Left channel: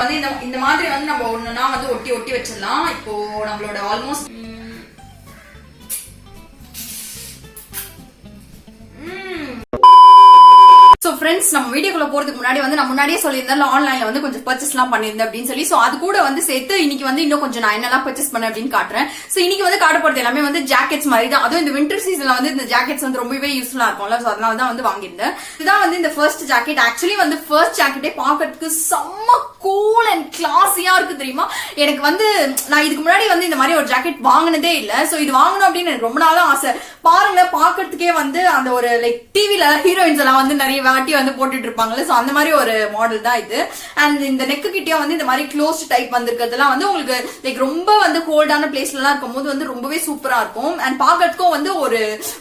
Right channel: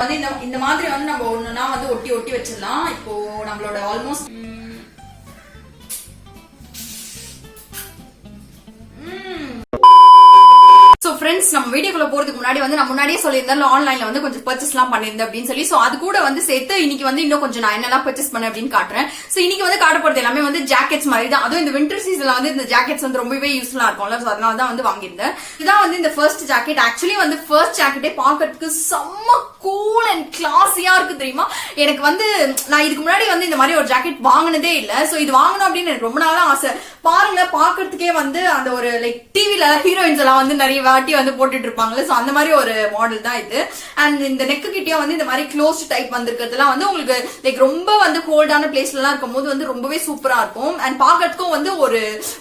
வந்து இந்த மாதிரி வந்து நம்ம ஒண்ணுனா வந்து ஒட்டி ஒட்டி வச்சிடலாம். இப்போ நம்மளோட ஆல்மோஸ்ட் சோ ஃப்ரெண்ட்ஸ், நம்ம வீடியோக்குள்ள போறதுக்கு முன்னாடி வந்து நான் முன்னாடியே சொல்லியிருந்தேன் ஆன்லைன்ல வந்து கொஞ்சம் பர்ச்சேஸ் எல்லாம் பண்ணிருந்தேன் அப்படின்னு சொல்லி. சோ அது கூட வந்து சேர்த்து இன்னைக்கு வந்து இன்னும் கொஞ்சம் நான் என்னெல்லாம் பர்ச்சேஸ் பண்ணேன் அப்படின்னு காட்டுறேன். சோ இன்னைக்கு வந்து காட்ட போறது எல்லாமே வந்து ஜாக்கெட்ஸ் மாதிரி தான். அதுவும் இந்த வின்டர் சீசன்ல வந்து இந்த ஜாக்கெட்ஸ் வந்து ரொம்பவே யூஸ்ஃபுல்லா இருக்கும்ல. சோ அதனால தான் வந்து வாங்கியிருந்தேன். இதான் வந்து இந்த ஃபர்ஸ்ட் ஜாக்கெட். ஆக்சுவலி வந்து ஃபர்ஸ்ட் ஜாக்கெட்டே பாக்கிறதுக்கு செம்ம கூல் அண்ட் கிளாஸியா இருக்கு தெரியுமா. எனக்கு வந்து நான் இதுக்கு முன்னாடி வந்து இந்த மாதிரி ஒரு ஜாக்கெட் வாங்கினதே இல்ல. சோ இது வாங்கணும் அப்படின்னு எனக்கு ரொம்ப நாளா ஆசை. பாருங்க, பாக்கிறதுக்கே வந்து அந்த ஒரு லைக் டிவில ஹீரோயின்ஸ் எல்லாம் வந்து நிறைய வாட்டி வந்து போட்டுட்டு இருப்பாங்கல்ல. சோ அந்த மாதிரி ஒரு மாடல் தான் இது. அண்ட் இந்த நெக்கு கிட்டயும் வந்து இந்த மாதிரி க்ளோஸ்ட் டைப் வந்திருக்கிறதுலாம் வந்து உங்களுக்கு லைக் ரொம்ப வந்து ஹோல்டான பிளேஸ்ல எல்லாம் இருக்கும் போது வந்து ரொம்பவே சூப்பரா இருக்கும். அண்ட் பாக்கிறதுக்கும் வந்து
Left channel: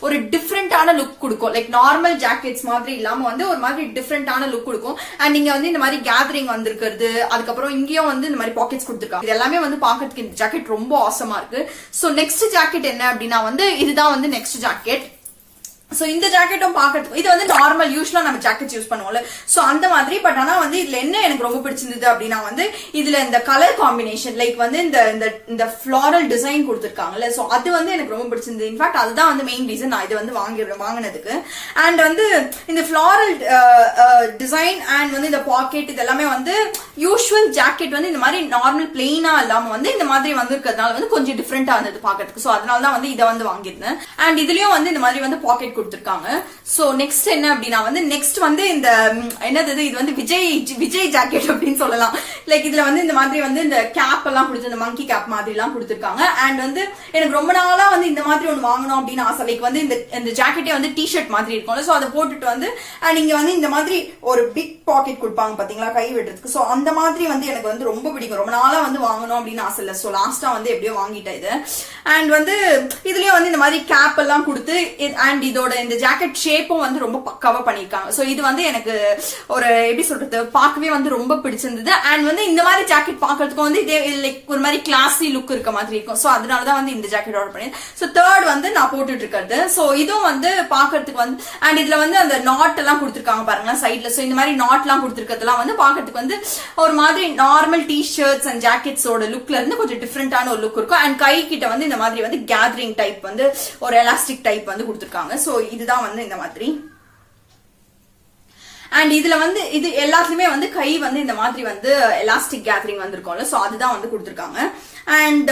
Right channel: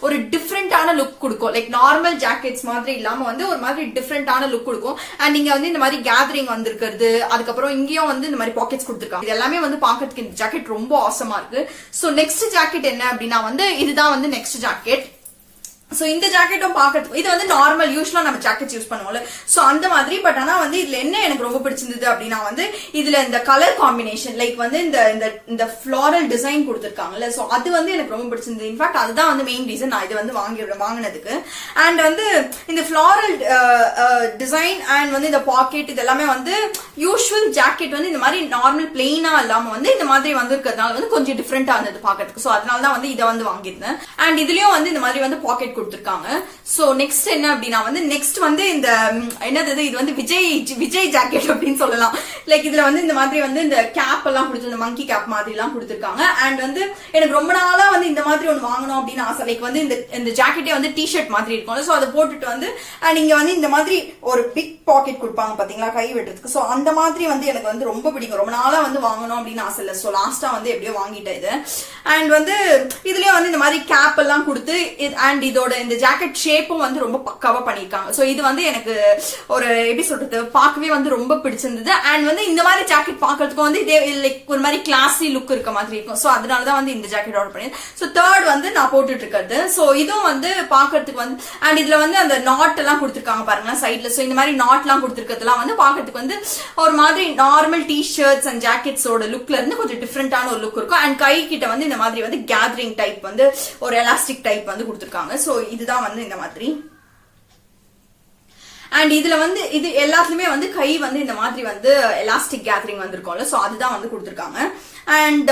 ஒரு டிஃப்ரெண்டான லுக் கொடுக்கும். லைக் நார்மல் ஜாக்கெட்ஸ் மாதிரி இல்லாம வந்து ஒரு மாதிரி டிஃப்ரெண்டான லுக் கொடுக்கும். அண்ட் நீங்க வந்து இந்த மாதிரி கேதரிங் வந்திருக்கிறது, அதுக்கப்புறம் இங்கேயும் வந்து இந்த மாதிரி பாக்கெட்ஸ் கொடுத்துருக்காங்க. இது எல்லாமே வந்து பாக்கிறதுக்கு இந்த ஜாக்கெட் ரொம்ப ஆசமா இருக்கு. சோ நெக்ஸ்ட் ஜாக்கெட் என்ன அப்படின்னா வந்து இதுதான் வந்து நெக்ஸ்ட் ஜாக்கெட். சோ இந்த ஜாக்கெட்டும் பாக்கிறதுக்கு இது வந்து நார்மல் யூஸ்வலா நம்ம ஜாக்கெட் யூஸ் பண்ணுவோம்ல. சோ அந்த மாதிரி. பட் ஆனா வந்து இதுல என்ன எனக்கு ரொம்ப பிடிச்சிருந்தது அப்படின்னா வந்து இதுல இந்த கலர் காம்பினேஷன் லைக் வந்து இந்த ஃபிளாரல் டிசைன் கொடுத்திருக்காங்கல்ல. சோ அது வந்து எனக்கு ரொம்ப பிடிச்சிருந்தது. இன்ஃபேக்ட் அதுதான் வந்து மெயின் ரீசன் நான் இது வந்து வாங்கினதுக்கு. அண்ட் வந்து இந்த ஃபிளாரல் டிசைன் அண்ட் வந்து இந்த பாக்கெட் இது எல்லாமே வந்து யூஸ்வல் ஜாக்கெட் வந்து இந்த மாதிரி நார்மல் பிளெயினா இல்லாம வந்து இந்த மாதிரி வந்து இருக்கிறதுனால வந்து கொஞ்சம் டிஃப்ரெண்டா இருந்தது பாக்கிறதுக்கு. சோ அதனாலதான் வந்து இதை வந்து வாங்கியிருந்தேன். அண்ட் இதுலயும் வந்து இந்த மாதிரி வந்து பாக்கெட் கொடுத்திருக்காங்க. சோ நெக்ஸ்ட் என்ன அப்படின்னா வந்து நெக்ஸ்ட் வந்து இந்த என்னது இது வந்து விஜய் ஜாக்கெட் அப்படின்னு சொல்லலாம். லைக் இதுல வந்து இந்த மாதிரி வந்து இந்த கேப் எல்லாம் கொடுத்து இந்த மங்கி கேப் மாதிரி எல்லாம் கொடுத்திருக்காங்க. அண்ட் வந்து எனக்கு ரொம்ப நாளா வந்து இந்த மாதிரி ஒண்ணு வாங்கணும் அப்படின்னு ஆசை. லைக் வந்து இந்த ஜாக்கெட்டே வந்து டி ஷர்ட் மாதிரி இருக்கும். சோ அதை போட்டுட்டு வந்து நீங்க வந்து இந்த மாதிரி ஒரு பிக் பாக்கெட் கொடுப்பாங்க பாத்தீங்களா கை விடுறதுக்கு. சோ அந்த மாதிரி வந்து எனக்கு வந்து ரொம்ப பிடிக்கும். ரொம்ப நாளா வந்து வாங்கணும் அப்படின்னு ஆசை இல்ல. சோ லாஸ்டா வந்து எப்படியோ வாங்கிட்டேன் இது. அண்ட் வந்து இதுலயும் வந்து இந்த மாதிரி கேப் எல்லாம் கொடுத்து அண்ட் இதோட இந்த ஜாக்கெட் ஷேப்பும் வந்து ரொம்ப பக்காவா பண்ணிருக்காங்க. சோ இது வந்து எனக்கு ஒரு எப்படி சொல்றது பார்க்கவே வந்து ரொம்ப பிடிச்சிருந்தது. அண்ட் வந்து இந்த மாதிரி ஜாக்கெட் பாக்கிறதுக்கு வந்து இதே லைக் ஒரு மாதிரி கிளாஸி லுக் இருக்க மாதிரி இருக்கும். சோ அதனாலதான் வந்து இந்த ஜாக்கெட் ஆர்டர் பண்ணி. சோ தேர்ட் வந்து நான் போட்டுட்டு இருக்கிறது. சோ இதுவும் வந்து பாக்கிறதுக்கு வந்து அண்ட் இதுல வந்து அந்த நாட் எல்லாம் கொடுத்திருக்காங்க பாருங்களா சைட்ல. சோ இந்த மாதிரி நாட் எல்லாம் கொடுத்திருக்கிறதுலாம் வந்து பாக்கிறதுக்கு வந்து ஒரு மாதிரி நார்மல் டி ஷர்ட்ஸ் அண்ட் ஜாக்கெட்ஸோட லுக்ல இருந்து கொஞ்சம் டிஃப்ரெண்டான ஒரு லுக் இருக்கும். அண்ட் கை கிட்ட வந்து இந்த மாதிரி வந்து கேதரிங் டைப் வந்து ஒரு எலாஸ்டிக் டைப் வந்து கொடுத்திருக்காங்க. சோ இதுதான் வந்து இந்த மாதிரி. அண்ட் இதுல வந்து இது எல்லாத்துலயுமே வந்து கை வந்து இந்த மாதிரி வந்து எலாஸ்டிக் கேதரிங் வந்திருக்கும்ல. சோ அதுதான் வந்து கொடுத்திருக்காங்க. அண்ட்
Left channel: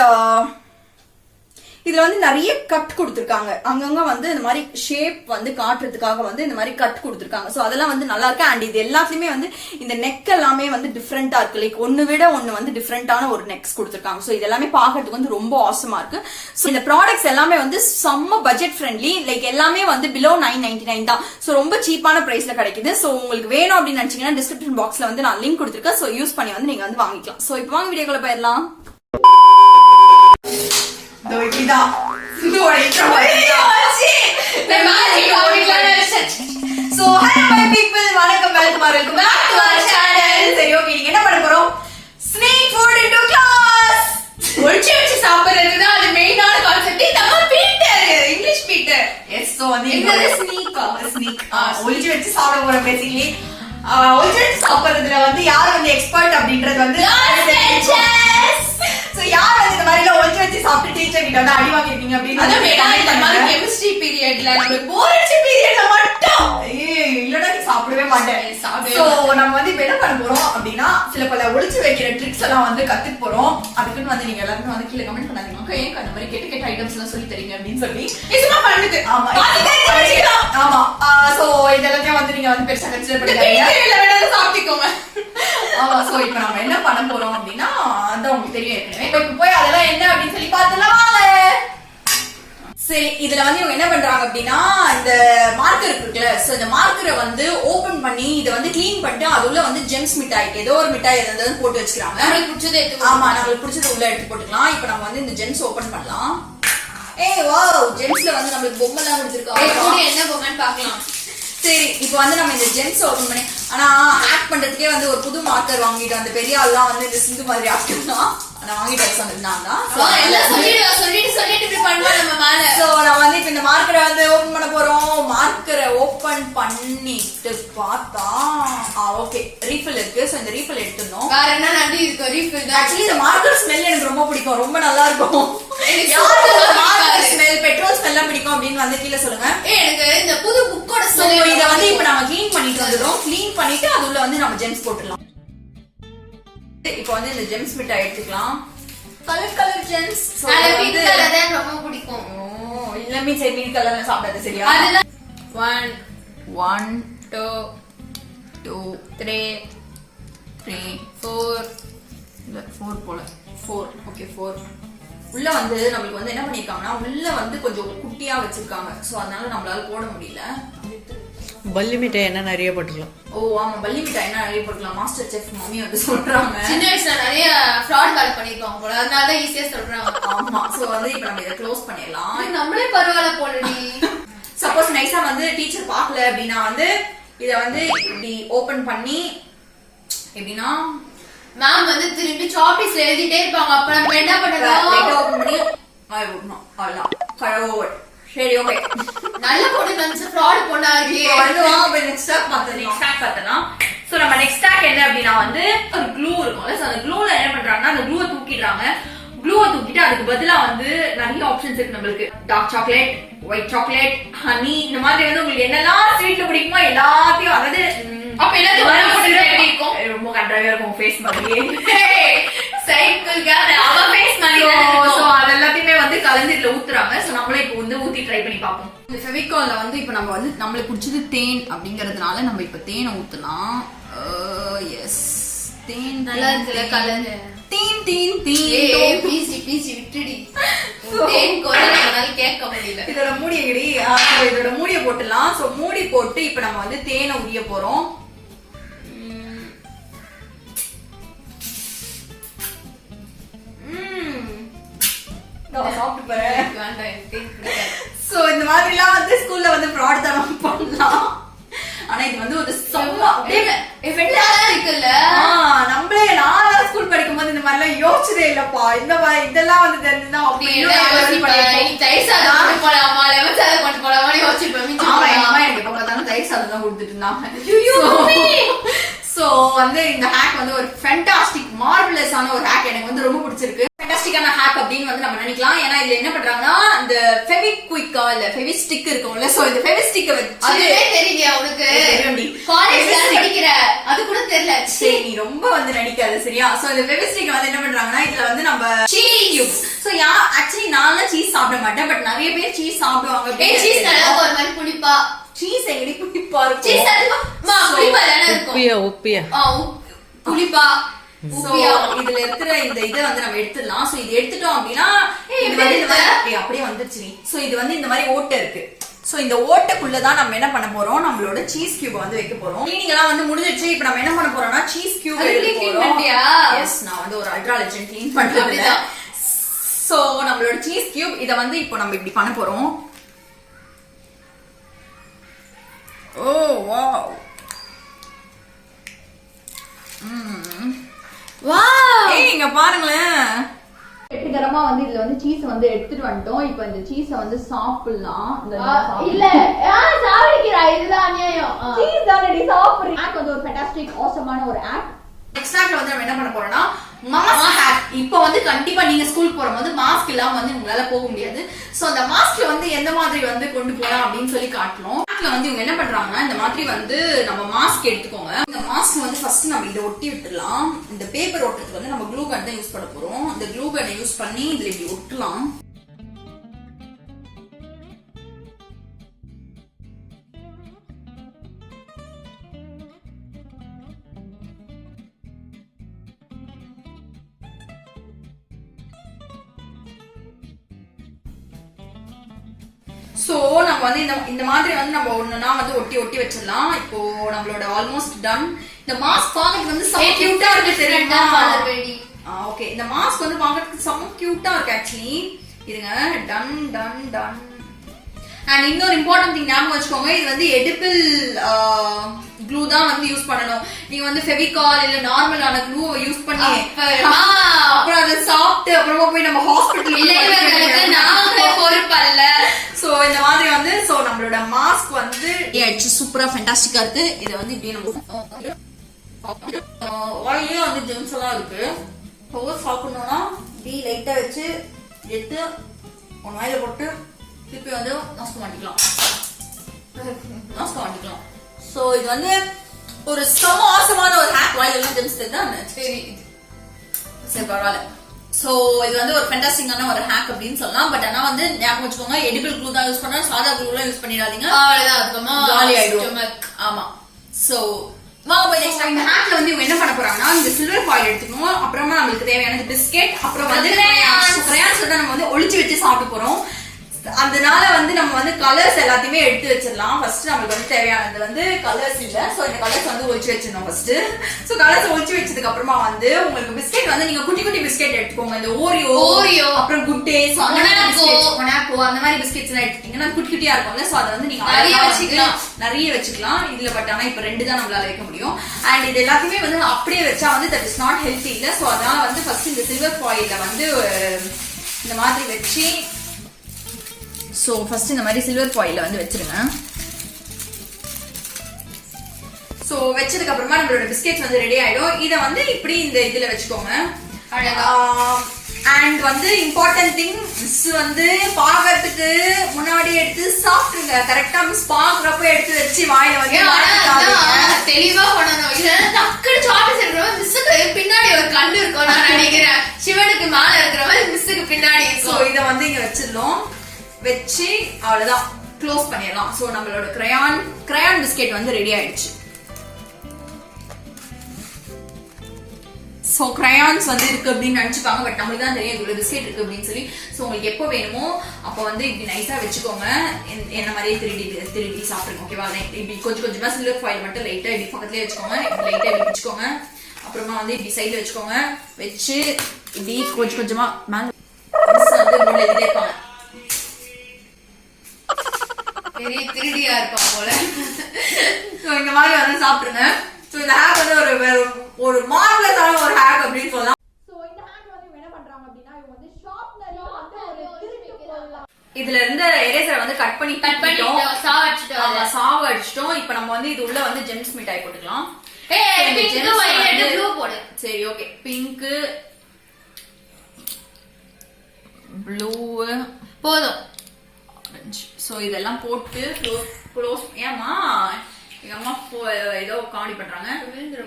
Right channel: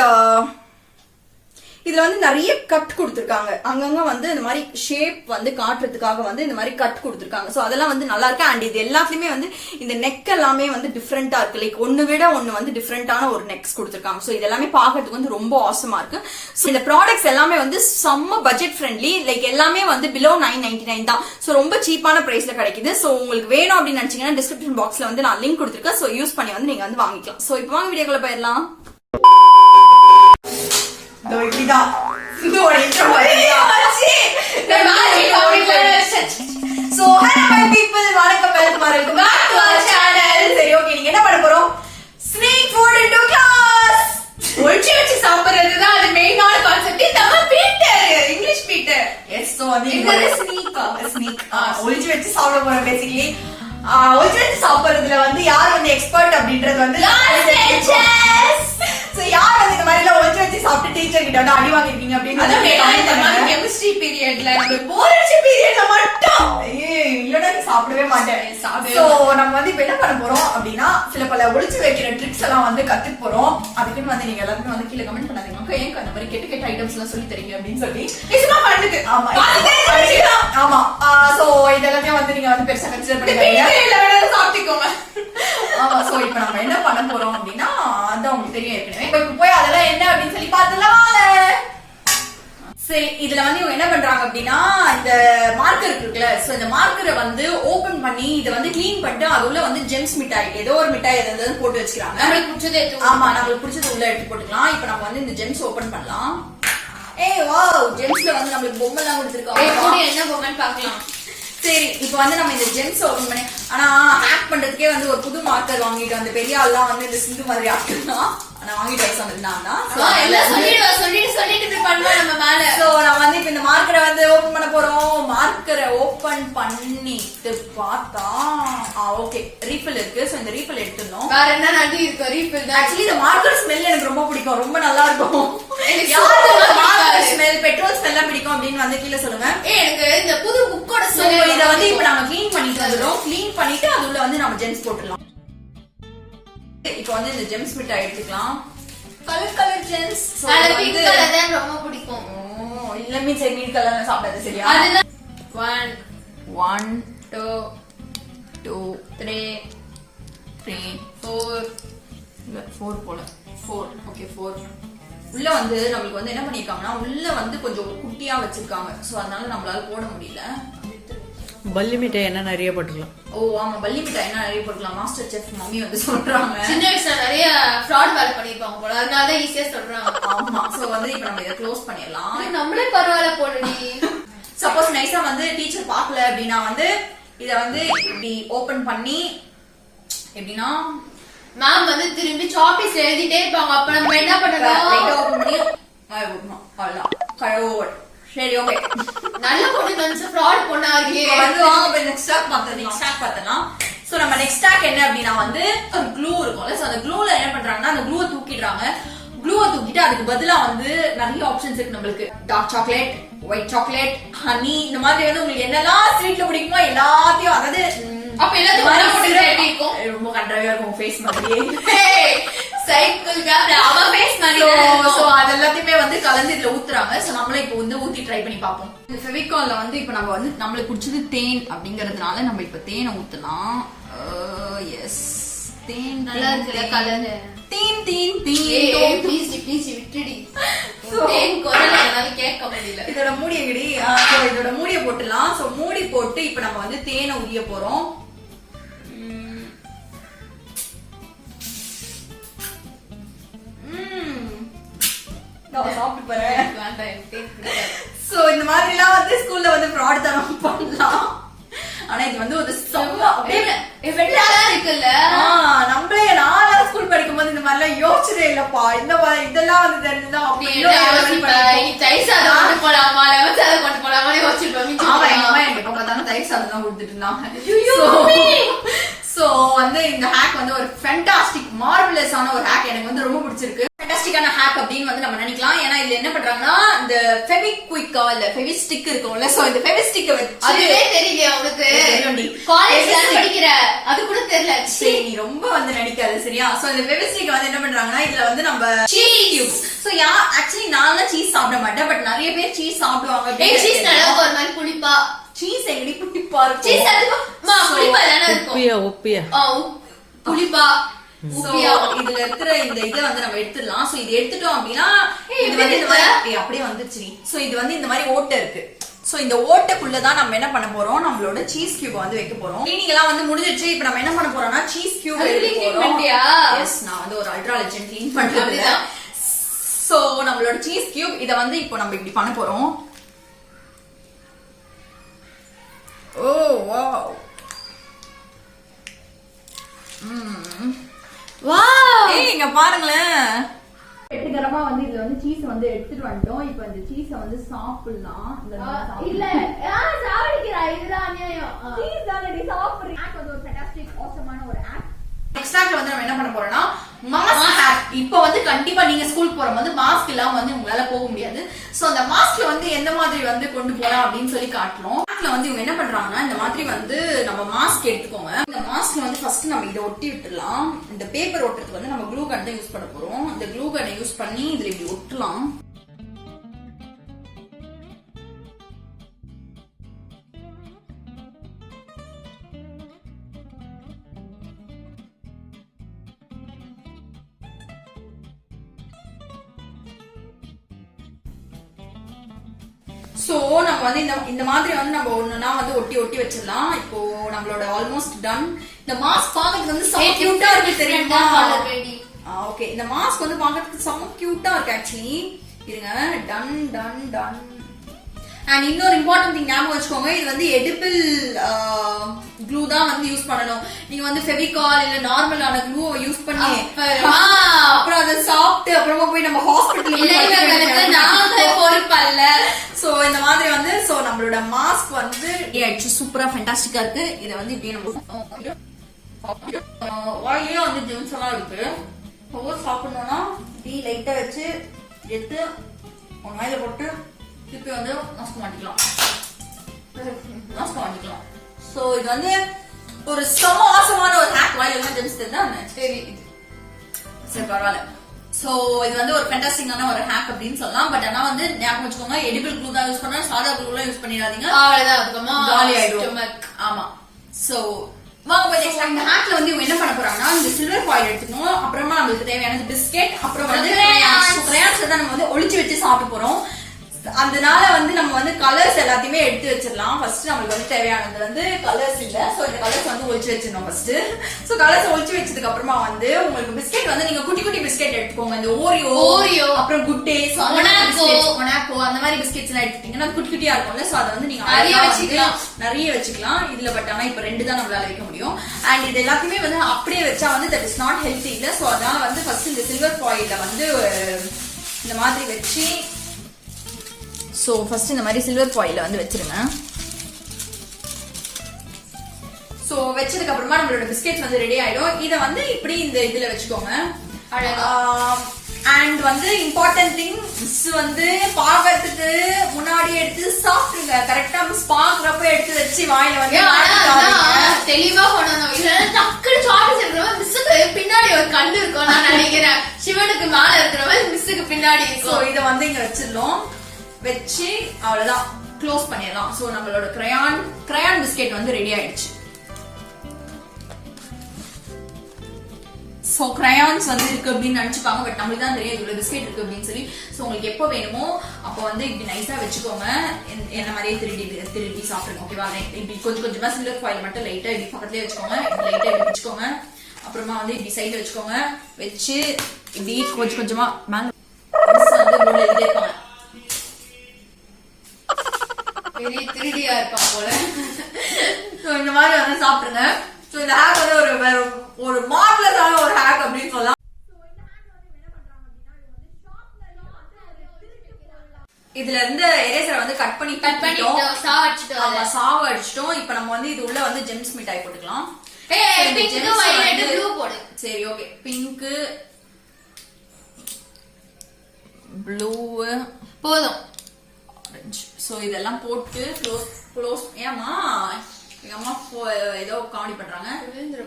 இதுல வந்து நிறைய கட் கொடுத்திருக்காங்க. அங்கங்க வந்து இந்த மாதிரி ஷேப் வந்து காட்டுறதுக்காக வந்து இந்த மாதிரி கட் கொடுத்திருக்காங்க. சோ அதெல்லாம் வந்து நல்லா இருக்கு. அண்ட் இது எல்லாத்துலயுமே வந்து இந்த நெக் எல்லாமே வந்து டிஃப்ரெண்டா இருக்கு. லைக் ஒன்னு விட ஒன்னு வந்து டிஃப்ரெண்டான ஒரு நெக்ஸ் கொடுத்திருக்காங்க. சோ இது எல்லாமே பாக்கிறதுக்கு வந்து ரொம்ப ஆசமா இருக்கு. சோ இந்த ப்ராடக்ட்ஸ் எல்லாமே வந்து செம்ம பட்ஜெட் ஃப்ரெண்ட்லி. லைக் எல்லாமே வந்து பிலோ 999 தான். சோ ரொம்ப சீப்பான பிரைஸ்ல கிடைக்குது. சோ உங்களுக்கு வேணும் அப்படின்னு நினைச்சீங்கன்னா டிஸ்கிரிப்ஷன் பாக்ஸ்ல வந்து நான் லிங்க் கொடுத்திருக்கேன். சோ யூஸ் பண்ணி வந்து நீங்க வந்து வாங்கிக்கலாம். சோ இப்போ வாங்க வீடியோக்குள்ள போயிடலாம். சரி, ஓகே, நீங்க என்ன பண்ண போறோம்? Sneak food into class. ஒளிச்சு வச்சு சாப்பிடுறதுதான் அது மெயினான கான்செப்ட். நம்ம Peter English Peter. Yes. So வந்து இந்த ஸ்னீக் ஒளிச்சு வச்சு சாப்பிட போறோம். பேசிக்கலி ஒளிச்சு வச்சு சாப்பிடுறதுல வந்து யார் வந்து எக்ஸ்பர்ட் அப்படின்றது வந்து யார் இந்த மாதிரி எல்லாம் ஒளிச்சு வச்சு சாப்பிட்டு டீச்சர் கிட்ட வந்து அடி வாங்கிருக்கீங்க அப்படின்னு கெமிஸ்ட்ரி பீரியட்ல போர் அடிச்ச பீரியட்ல மட்டும் இல்லன்னா நீ சாப்பிடவே மாட்டேன். சோ நம்ம வந்து இப்ப என்ன பண்ண போறோம் அப்படின்னா சில பல ஒளிச்சு வைக்கிற ட்ரிக்ஸ் எல்லாம் வந்து கத்துக்க போறோம். அதுக்குன்னு வந்து நீங்க எல்லாருமே வந்து கீழே கமெண்ட் பண்ணாதீங்க ஏன் அந்த மாதிரி கெட்ட ஐட்டம்ஸ் எல்லாம் சொல்லி தரீங்க அப்படின்னு சொல்லி. சும்மா பண்ணுது. ஆமா ஆமா. சோ இதெல்லாம் வந்து நீங்க வந்து பெருசா கன்சிடர் பண்ணிக்கோங்க, சாப்பிட்டுக்கோங்க. ஆமா. சோ இப்ப நம்ம என்ன பண்ண போறோம் அப்படின்னா அதான் உங்களுக்கு தெரியும் ஏற்கனவே. இப்ப போய் அதெல்லாம் என்ன அப்படின்னு சொல்லி பாத்துலாம். சரி, இதுல வந்து இவங்க என்ன பண்றாங்க அப்படின்னா இந்த மார்க்கர் இருக்குல்ல. சோ இந்த மார்க்கரை வந்து ஓபன் பண்ணி இதை வந்து கிளீன் பண்ணிட்டு அது உள்ள வந்து ஜெம்ஸ் மிட்டாய் ஏதோ ஒரு மிட்டாய் எதாவது போட்டு வச்சுக்கிறாங்க. நம்மளுக்கு பிடிச்சது எடுத்து. ஆமா, நம்மளுக்கு பிடிச்சது உள்ள எடுத்து போட்டுக்கலாம். இப்ப நம்ம வந்து இந்த ஜெம்ஸ் ஓபன் பண்ணலாம். ஏய் வாவ், ஜெம்ஸ்ல வந்து நம்மளுக்கு பொம்மை எல்லாம் கொடுத்திருக்காங்க. என்ன பொம்மைன்னு பாக்கலாம். சரி இப்போ வந்து நம்ம இந்த ஜெம்ஸ் ஓபன் பண்ணி ஆனா ஹேக் பண்றதுக்கே வந்து ஒரு புது மார்க்கர் வாங்கிட்டு அந்த பெரிய ஆள்லாம் வந்து இந்த சிந்து மாதிரி ஆக்கலாம் நான் வாங்கிட்டு வர சொன்னதுதான் நம்ம வந்து இப்ப இந்த மார்க்கரை வந்து ஓபன் பண்ண போறோம். மார்க்கரை ஓபன் பண்ணிட்டு பார்த்தா ஓகே ரீஃபில் இருக்கு. சோ இந்த ரீஃபில் எடுத்துடணும். வேற என்ன நன்றி இருக்கு ரீஃபில். ஆக்சுவலி இந்த மார்க்கர் ஸ்மெல் எனக்கு ரொம்ப பிடிக்கும், ரொம்ப நல்லா இருக்கும். ஸ்மெல் பெட்ரோல் ஸ்மெல்லாம் பிடிக்கும் அப்படின்னு வந்து கீழே சொல்லுங்க. எனக்கு இந்த புது புக்கோட ஸ்மெல். இத வந்து இப்ப நம்ம க்ளீன் பண்ணிட்டு வந்துடும். க்ளீன் பண்ணிட்டு அதுல வந்து நம்ம ஜெம்ஸ் போட்டுடலாம். இப்போ வந்து இந்த ஜெம்ஸ் மிட்டாய் எடுத்துக்கலாம். Colour gems. பிங்க் கலர் தான் ரொம்ப பிடிக்கும். இல்ல மீ சரி நீல் கலர்ல சாப்பிடாது சரியா? 1 2 2 3 4 இல்ல 4 போல 4 ஓகே 4. உள்ள வந்து நம்மளுக்கு வந்து என்ன பண்ணிருக்காங்கன்னா உள்ள வந்து கொஞ்சம் குட்டியா வச்சிருக்காங்க. சோ அதனால நம்மளால போட முடியல. பல்லி மிட்டாய் என்ன நிறைய போட்டுக்கலாம். ஆமா பல்லி மிட்டாய் என்ன நிறைய போட்டுக்கலாம். மாஸ்டர் செஃப் மம்மி வந்து சொல்றாங்க சின்ன வயசுல நிறைய ஃப்ராட் வேலை பண்ணிருப்பாங்க போல, அதனால தான் ஈஸியா சொல்றாங்க. ஆமா சோ வந்து இப்ப நம்ம இத க்ளோஸ் பண்ணிடலாம். நம்மளே பரவாயில்ல போடுடி. சப்போஸ் நைஸா வந்து டீச்சர் பார்க்கல அப்படின்னா வந்து இத வந்து இப்படி ஓபன் பண்ணி எப்படின்னா மேம் வந்து திரும்பி சாப்பீஸ்ல எழுதிட்டே இருப்பாங்க. அப்ப நம்ம என்ன பண்ணணும்? ஓபன் பண்ணி அவ்வளவுதான் கழுவோட். சரி ஓகே நல்ல பொண்ணு வந்து ஃப்ராட் பொண்ணா இருக்கே. வாங்க போய் நெக்ஸ்ட் ஸ்டாக் பார்த்தலாம். சோ நம்ம நெக்ஸ்ட் ஸ்டாக் என்ன அப்படின்னா வந்து ஒரு க்ளூ இருக்கும்ல. சோ அந்த க்ளூல என்ன பண்றாங்கன்னா அந்த க்ளூவை தூக்கிடுறாங்க. க்ளூவை தூக்கிட்டு அதுக்கு பதிலா வந்து நிறைய ஆப்ஷன்ஸ் இருக்கு நம்மளுக்கு. Dark chocolate, white chocolate, honey, இந்த மாதிரி வந்து உங்களுக்கு என்னெல்லாம் ஸ்வீட்ல பிடிக்குமோ எல்லாத்தையும் அதாவது அப்ப எல்லாத்தையும் போட்டு எப்படி இருக்கும்? ரொம்ப கண்டராவியா இருக்கும் ஃபேஸ் மாதிரியே. சைக்கிள் கேமரா அவ ஃபேஸ் மாதிரி சோ அதெல்லாத்தையுமே வந்து கலந்து இதுல ஊத்துறாங்க. சோ நம்மளே இப்போ வந்து ஊத்தி ட்ரை பண்ணி பாப்போம். இந்த ஃபெவிகால்ல வந்து இப்போ நம்ம வந்து நம்மளுக்கு பிடிச்சது தேன் அப்படிங்கறதுனால நம்ம இப்ப தேனை ஊத்தலாம். எஸ் தேன் நல்லா இருக்குல colour. Than than than please விட்டுடி. தேன் குரல் என்னால கேட்க முடியல. இதோட மூடியை கிடி. இதோட மூடியை போட்டுலாம். சோ மூடி போட்டு இப்ப நம்ம வந்து தேனை உரிய போறோம். சாப்பிட்டு பாரு. சோ இந்த மாதிரி எல்லாம் வந்து ஸ்கூல்ல வந்து ஃப்ராட் தரம் பண்ணலாம். ஆனா இது வந்து ஒரு இருக்குல்ல. நம்மளே நான் ஸ்கூல் படிக்கும் போது இந்த மாதிரி எல்லாம் யோசிச்சதே இல்லப்பா. இந்த மாதிரி இதெல்லாம் வந்து தெரிஞ்சுதான் தயிர் சாதம் போலாமா லெமன் சாதம் கொண்டு போலாமா யோசிச்சிருப்பேன். எனக்கு எப்ப பார்த்தாலும் தயிர் சாதம் தான் கொடுத்துட்டு இருந்தாங்க. சோ வந்து இந்த ஹேக் வந்து ஒரு ஃபேண்டாஸ்டிக் மார்வலஸான ஒரு ஹேக். எனக்கு வந்து ரொம்ப பிடிச்சிருக்கு. ஃபேண்டாஸ்டிக்கான ஹேக் அப்படின்னு வந்து நம்ம நினைக்கலாம். ஏன்னா இதுல என்ன பண்றாங்கன்னா இந்த ஃபெவிக்விக்கா இல்ல ஃபெவிஸ்டிக் இருக்கும்ல. சோ இந்த ஃபெவிஸ்டிக்க வச்சு அதுவே தெரியலையா உனக்கு? காலேஜ்ல படிக்கிற அது கூட தெரியல. சரி நீ ரொம்ப வந்து நடிக்காது சரியா? சோ இந்த ஃபெவிஸ்டிக் வந்து என்ன பண்றாங்கன்னா இதுல வந்து நம்ம சீஸ் கியூப்ஸ். சோ ஆக்சுவலி நான் சீஸ் சாப்பிட மாட்டேன். பட் நிறைய பேர் சீஸ் சாப்பிடுவாங்க. சீஸ் நல்லா ஒரு மாதிரி புளிப்பா. சீஸ் எங்கடி புளிப்பா இருக்கும்? சீஸ் அதிகமா புளிப்பா தானே இருக்கும். உப்பியா புளிப்பா. இதுல இருக்கிற இந்த இதை வந்து நம்ம எடுத்துடலாம். சோ இது எடுத்துட்டோம் அப்படின்னா இது வந்து இந்த மாதிரி அப்படியே வந்துச்சு. சோ இது வந்து இந்த மாதிரி ஓட்டை இருக்கு. சோ இந்த ஓட்டைக்குள்ளதான் நம்ம என்ன பண்ண போறோம், நம்மளோட சீஸ் கியூப் வந்து வைக்க போறோம். கிளீனிங் எல்லாம் வந்து முடிஞ்சிருச்சு. இப்ப நம்ம என்ன பண்ண போறோம்னா சீஸ் கியூப் எடுக்க போறோம். எஸ் நான் வந்து ஒரு அல்ட்ரா லெஜெண்ட் கிளீன் பண்றது. சோ நம்மளோட சீஸ் கியூப் இத வந்து இப்போ நம்ம இப்படி பண்ண போறோம். ஓ வாவ் வாவ் இங்க பாருங்களேன். வெற்றிகரமா வந்து இதுல வந்து சீஸ் வந்து எடுத்துட்டு வந்துட்டோம். இப்போ இந்த சீஸ வந்து சாப்பிடலாம். இல்ல சாப்பிடுறா இதுதான் அநியாயம். சீஸ் தானடி சாப்பிடுறீங்க. ஹேக் வந்து ஒரு ஃபேண்டாஸ்டிக் ஆசமான ஒரு ஹேக். நெக்ஸ்ட் ஹேக்ல வந்து நம்ம என்ன பண்ண போறோம்னா மாஸ்க் ஹேக். இப்போ வந்து கண்டிப்பா நீங்க ஸ்கூல் போகும்போது மாஸ்க் இல்லாம வந்து உங்களால போக முடியாது. சோ அந்த மாஸ்க்ல வந்து எந்த மாதிரி வந்து கொண்டு போலாம் அப்படின்னு சொல்லி காட்டணும். ஹேக்ல வந்து இவங்க என்ன பண்றாங்கன்னா இந்த மாதிரி வந்து நம்ம மாஸ்க் எடுத்துக்கோங்க. இந்த மாஸ்க் வந்து ஃபர்ஸ்ட் நம்ம இதை ஒட்டி விட்டுடலாம். இந்த பேப்பர் ஒட்டுறதுக்கு வந்து நம்ம க்ளூ கன் தான் யூஸ் பண்ண போறோம். இந்த க்ளூ கன்னை யூஸ் பண்ணி இதுல இப்படி ஒட்டலாம். சோ நம்ம வந்து இந்த மாதிரி வந்து நம்ம ஒண்ணுனா வந்து ஒட்டி வச்சிடலாம். இப்போ நம்மளோட ஆல்மோஸ்ட் டன். இந்த மாஸ்க் பாக்கிறதுக்கு வந்து செம கியூட்டா இருக்கு தெரியுமா? ஓகே இந்த மாஸ்க் வந்து பாக்கிறதுக்கு செம கியூட்டா இருக்கு ஆக்சுவலி. இருங்க டன் டன் டன். அண்ட் இன்னொரு இம்பார்ட்டன்ட் திங் ஞாபகம் வச்சுக்கோங்க, இது வந்து எடிபிள் க்ளூ தான் வந்து யூஸ் பண்ணணும். நீங்க வந்து ஃபெவிகால் இல்ல நார்மலான க்ளூ யூஸ் பண்ணி அப்புறம் அதை சாப்பிட்டு அப்புறமா போய் நம்ம ஹாஸ்பிட்டல் நாங்க பொறுப்பல்ல. சோ இந்த மாதிரி வந்து சோ நம்மளோட மாஸ்க் வந்து சூப்பரா ஃபேண்டாஸ்டிக்கா இருக்கு. இத வந்து இப்படி நம்ம வாயிலே வந்து ஜெம்ஸ் எல்லாம் இருக்கு. ஒவ்வொரு சாப்பிடணும்னா இப்படி லைட்டா வச்சு எடுத்து ஒன்னு வாயில போட்டு திருப்பி வந்து மாஸ்க் மாட்டிக்கலாம். சோ இது வந்து ஒரு சமோசமான ஒரு ஹேக். வாயில எல்லாம் ஜெம்ஸ் தான் சரி பரவாயில்ல. சோ இது வந்து ஒரு ஃபேண்டாஸ்டிக்கான ஒரு ஹேக் அப்படின்னு சொல்லலாம். பட் ஆனா வந்து ஞாபகம் வச்சுக்கோங்க, எடிபிள் க்ளூ தான் யூஸ் பண்ணா, சாதா க்ளூ எல்லாம் யூஸ் பண்ணிடாதீங்க, காலி ஆயிடும். ஆமா. சோ இந்த ஹேக்ல வந்து இவங்க என்ன பண்ண போறாங்கன்னா, இந்த சில்வர் ஃபாயில் எடுத்துக்கணும், அப்புறமா நம்மளுக்கு தேவையான பிஸ்கெட், அப்புறம் வந்து கிரையான்ஸ் தான் நம்ம வந்து ஒளிச்சு வச்சு சாப்பிட போறோம். அதனால வந்து நம்ம வந்து கலர்ஸ் எல்லாத்தையுமே எடுத்து வச்சிடலாம். ஃபர்ஸ்ட் நம்மளுக்கு வந்து தேவையானது வந்து கலர்ஸ் இல்ல. சோ இந்த கலர்ஸ் வந்து ஒளிச்சு வச்சிடணும் ஃபர்ஸ்ட். சோ கலர்ஸ் ஒளிச்சு வச்சதுக்கு அப்புறமா வந்து உங்களுக்கு பிஸ்கெட் வந்து நீங்க குட்டி குட்டி பிஸ்கெட் எடுத்துக்கோங்க. இந்த ஓரியோ அப்புறம் குட் டேஸ், மொனாக்கோ அந்த மாதிரி பிஸ்கெட்ஸ் எல்லாம் எடுத்துட்டீங்கன்னா குட்டி குட்டியா இருக்கும்ல. சோ அதை வந்து நீங்க நிறைய வச்சுக்கலாம் இதுல. பட் ஆனா இப்ப 2 தான் நம்மளால வைக்க முடியும். அண்ட் இது எல்லாத்தையுமே வந்து அப்படியே வச்சா வந்து தட் இஸ் நாட் ஹெல்த்தி இல்ல. சோ அதனால வந்து ஃபர்ஸ்ட் இந்த சில்வர் ஃபாயில்ல வந்து இந்த மாதிரி வச்சு, சோ ஃபர்ஸ்ட் இந்த மாதிரி சில்வர் ஃபாயில்ல வந்து வச்சிருங்க. சோ வச்சதுக்கு அப்புறமா நம்மளோட பிஸ்கெட்ஸ் வந்து ரெடி ஆயிடும். இத வந்து இப்படி இந்த இதுல வச்சுக்கோங்க. அண்ட் வந்து இம்பார்ட்டன்ட் திங், மிஸ் வந்து பாக்கிறதுக்கு முன்னாடி எடுத்து சாப்பிடுங்க. கரெக்டா மிஸ் பாக்குறப்ப எடுத்து வச்சு வாயில வந்து தெளிவா பண்ணணும். இல்ல டக்குனு சாப்பிட்டு இருக்கிறவங்க மிஸ்ஸுக்கு பின்னாடி ஒரு கண்ணு இருக்கும் நான் நினைக்கிறேன். சிவனுக்கு மேல இருக்கிறவங்க மிஸ்ஸுக்கு பின்னாடி இருக்கும். சோ இத வந்து இங்க வச்சிடலாம். வச்சு அவ்வளவுதான் க்ளோஸ் பண்ணிடலாம். சோ நம்மளோட கிரையான் பிஸ்கெட் வந்து ரெடி ஆயிடுச்சு. சோ கிரையான்ஸ் வந்து இருக்கு அப்படின்னு நினைச்சுப்பாங்க, பட் நம்மளுக்கு தான் தெரியும் இவ்வளவு பிஸ்கெட் இருக்கு அப்படின்னு சொல்லி. சோ உங்களுக்கு எப்போ வேணுமோ அப்போ வந்து இப்படி நைஸா வச்சுக்கோங்க. என்ன மாதிரியே திருடி சாப்பிடுங்க. ஓகேவா? இப்படி கொஞ்சம் கொஞ்சமா சில்வர் ஃபாயில் மட்டும் லைட்டா இப்படி பக்கத்துலயே வச்சுக்கோங்க. லைட்டா இப்படி வச்சுக்கோங்க. அப்புறமா வந்து இப்படி சைட்ல வச்சுக்கோங்க. வச்சு இப்படி கொஞ்சம் கொஞ்சமா மேல வந்து இருப்பாங்க. திருடியா இருப்பான் போல. இந்த மாதிரி வந்து சாப்பிடுங்க. சோ இந்த ஹேக் வந்து ஒரு மார்வலஸான ஒரு ஹேக் அப்படின்னு சொல்லலாம். சோ இந்த ஹேக் வந்து என்ன பண்றாங்க அப்படின்னா, இவங்க வந்து ஷார்ப்னர்ல வந்து ஒரு திருப்பி போடலாம். இதுல இருந்து எரேசரை வந்து கட் பண்ணிட்டோம், சாவ அடிச்சிட்டோம். இப்போ நம்ம வந்து இது உள்ள வந்து ஜெம்ஸ் மிட்டாய் போட்டுக்கலாம். சரி ஓகே, பிங்க் ப்ளூ போதும். சோ இதெல்லாம் போட்டு க்ளோஸ் ஏமா எங்க அம்மா ஏதோ காமெடி பண்றாங்க.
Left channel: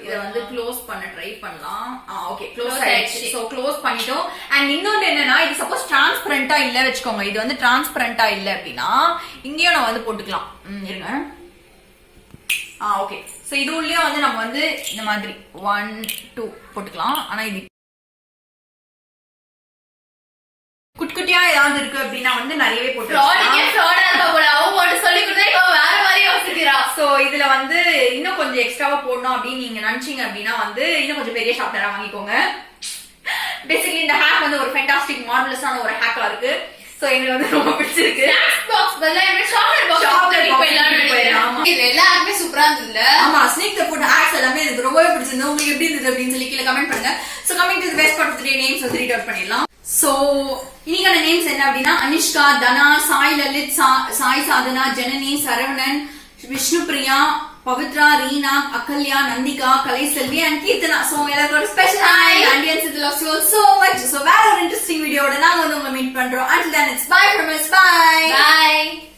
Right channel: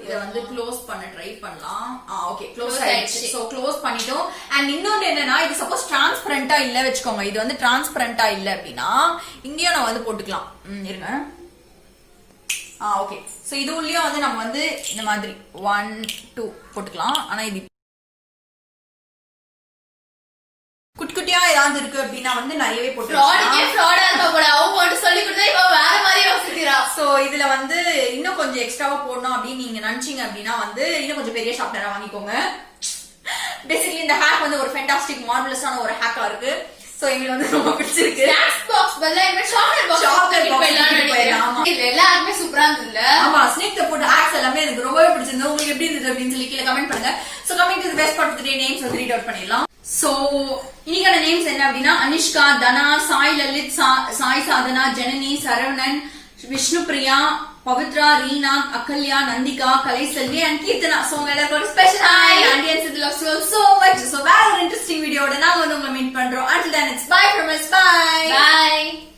இத வந்து க்ளோஸ் பண்ண ட்ரை பண்ணலாம். ஓகே க்ளோஸ் ஆயிடுச்சு. சோ க்ளோஸ் பண்ணிட்டோம். அண்ட் இன்னொன்னு என்னன்னா, இது சப்போஸ் டிரான்ஸ்பரண்டா இல்ல வச்சுக்கோங்க. இது வந்து டிரான்ஸ்பரண்டா இல்ல அப்படின்னா இங்கேயும் நம்ம வந்து போட்டுக்கலாம். இருங்க. ஓகே. சோ இது உள்ளேயும் வந்து நம்ம வந்து இந்த மாதிரி 1 2 போட்டுக்கலாம். ஆனா இது குட்டியா ஏதாவது இருக்கு அப்படின்னா வந்து நிறையவே போட்டு சோ இதுல வந்து இன்னும் கொஞ்சம் எக்ஸ்ட்ராவா போடணும் அப்படின்னு நீங்க நினைச்சீங்க அப்படின்னா வந்து இன்னும் கொஞ்சம் பெரிய ஷார்ப்னரா வாங்கிக்கோங்க. பேசிக்கலி இந்த ஹேக் வந்து ஒரு ஃபேண்டாஸ்டிக் மார்வலஸான ஒரு ஹேக்கா இருக்கு. சோ எங்களுக்கு வந்து ரொம்ப பிடிச்சிருக்கு. எல்லாருமே சூப்பரா இருந்ததுல. ஆமா, ஸ்னேக் த ஃபுட் ஹேக்ஸ் எல்லாமே எனக்கு ரொம்பவே பிடிச்சிருந்தது. உங்களுக்கு எப்படி இருந்தது அப்படின்னு சொல்லி கீழே கமெண்ட் பண்ணுங்க. So coming to the best part 3 names வந்து ரீட் அவுட் பண்ணிடலாம். சோ இன்னைக்கான நேம்ஸ் என்ன அப்படின்னா, அனிஷ்கா, தனா, சாய் லலித், சாய் சாதனா, ஜனனி, சரவணன், விஷ்ணு பிரியா, பவித்ரா, ரீனா, அகல்யா, நந்திகா, கலைசெல்வி அண்ட் கீர்த்தனா. சோ எல்லாரும் ஸ்பெஷல் ஹாய் ஆடியன்ஸ். இது loves you so much. So வேற ஒரு இன்ட்ரெஸ்டிங் வீடியோட நாங்க வந்து உங்களை மீட் பண்றோம். until then it's bye from us. Bye.